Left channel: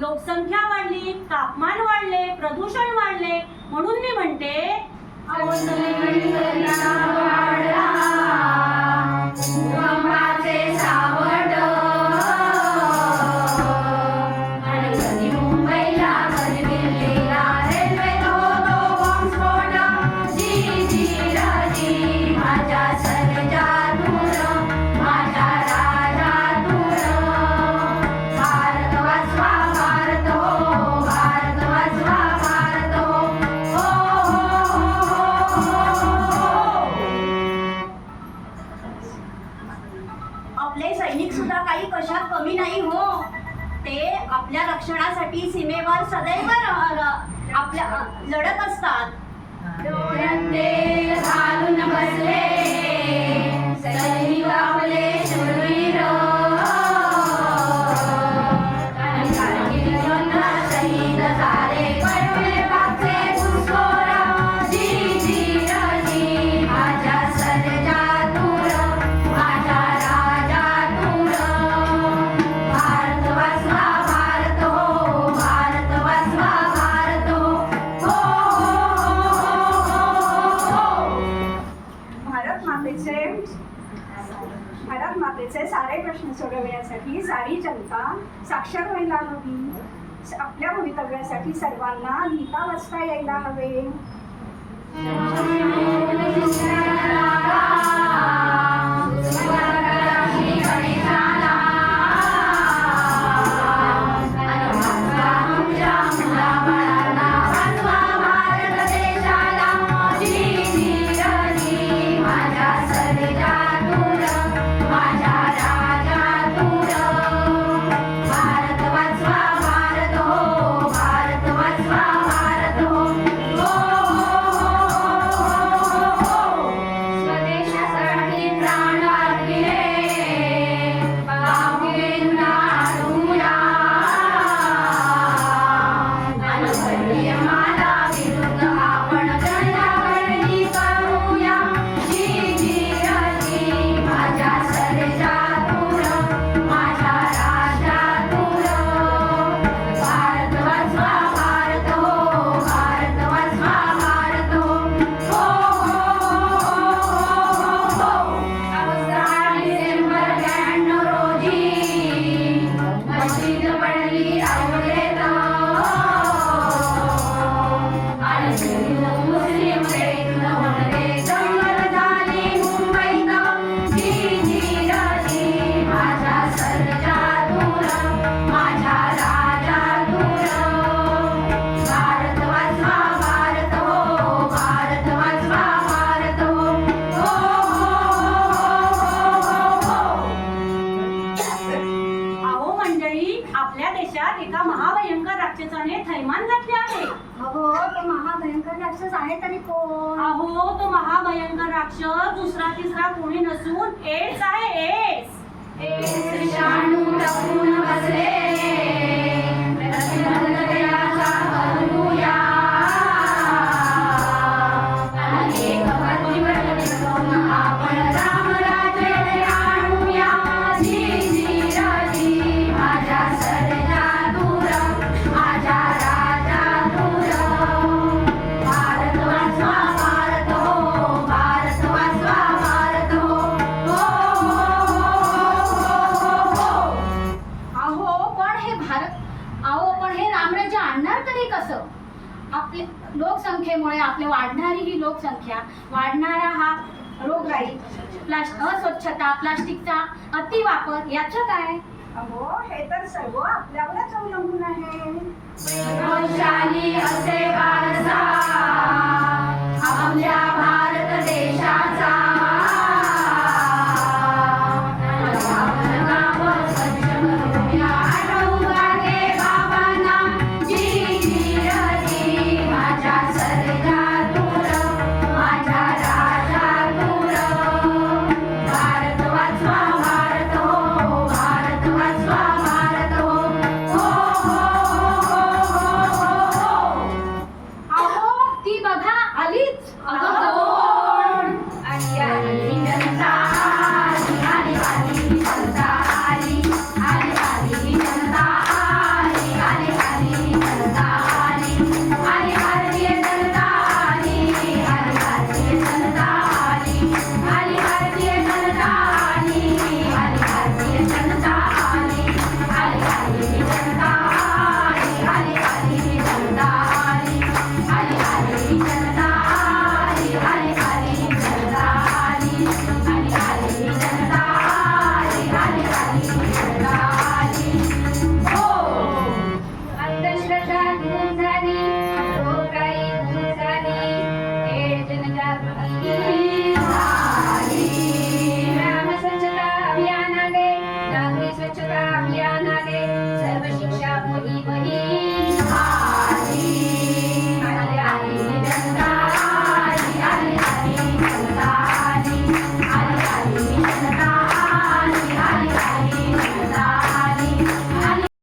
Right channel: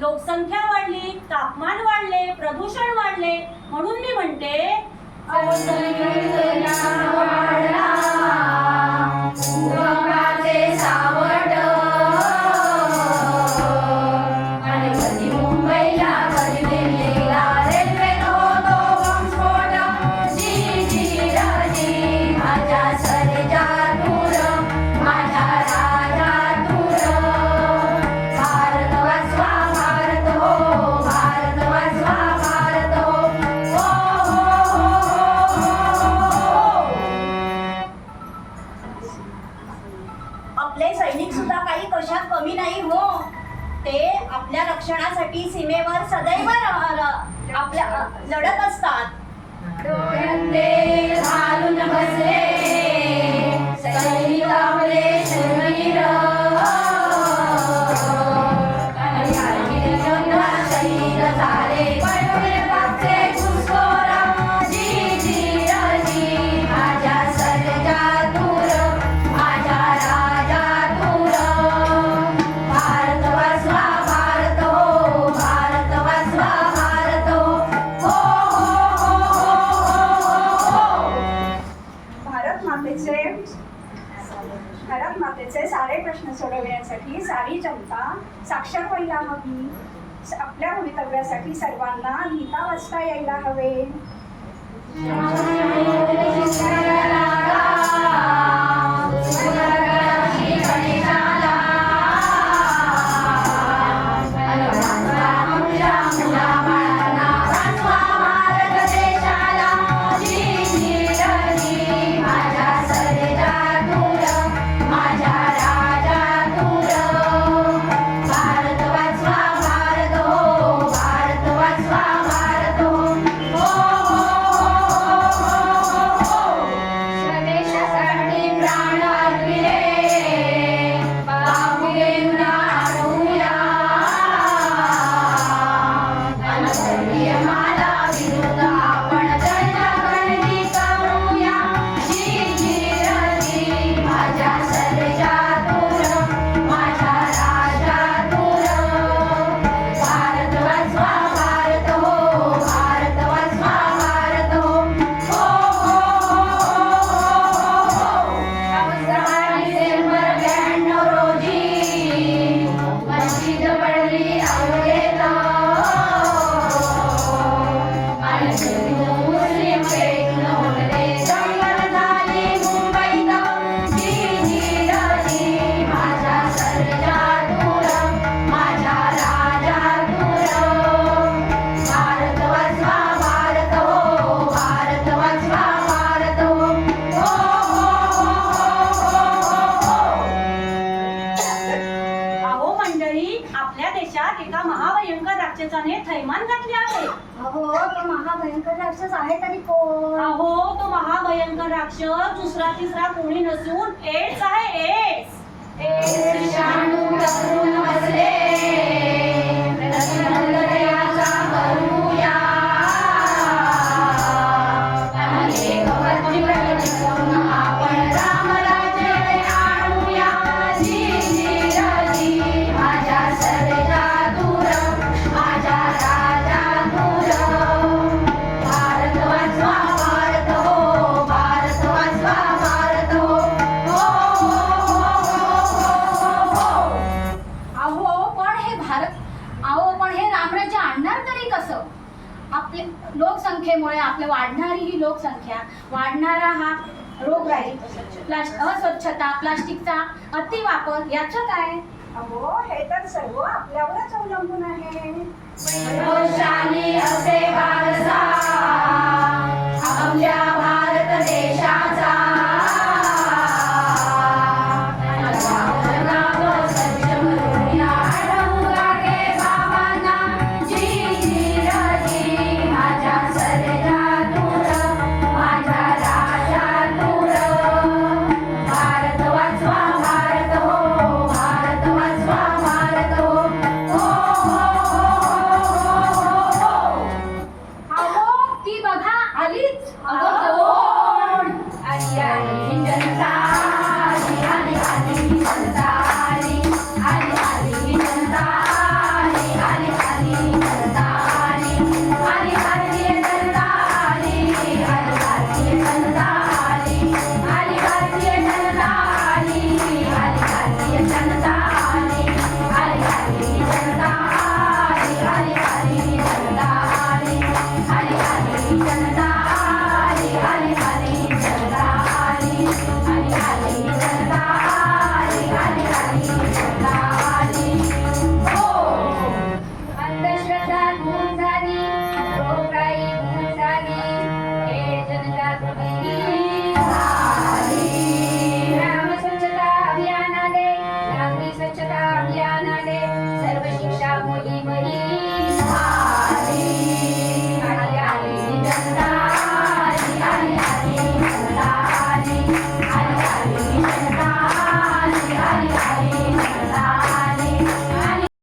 लोकसंख्या वाढली तापमान वाढले प्रदूषण वाढले म्हणून मी म्हणते आपले सैनिक सुद्धा काही कशात कमी नाही हो. ते आपल्या रक्षणासाठी सीमेवर सदैव आपल्या लढत असतात. याचे सारे प्रश्न सोडवण्यासाठी सारी जनता साक्षर व्हायला हवी. आपल्या भवितव्यासाठी सर्वांना लिहिता वाचता यायला हवे. आपल्या देशात एका महाभयंकर राक्षसाने थैमान घातले आहे. अहो तो महाभयंकर राक्षस आहे तरी कोण? अहो तो महाभयंकर राक्षस दुसरा तिसरा कोणी नसून एड्स आहे. लोकसंख्येमुळे आपल्या वाढणारी ही लोकसंख्या वाढणारा हा रोगराई प्लास्ट अस्वच्छता प्लास्टिकचा अतिवापर याच काय? हो हे तर सर्व आपल्यावरच अवलंबून आहे.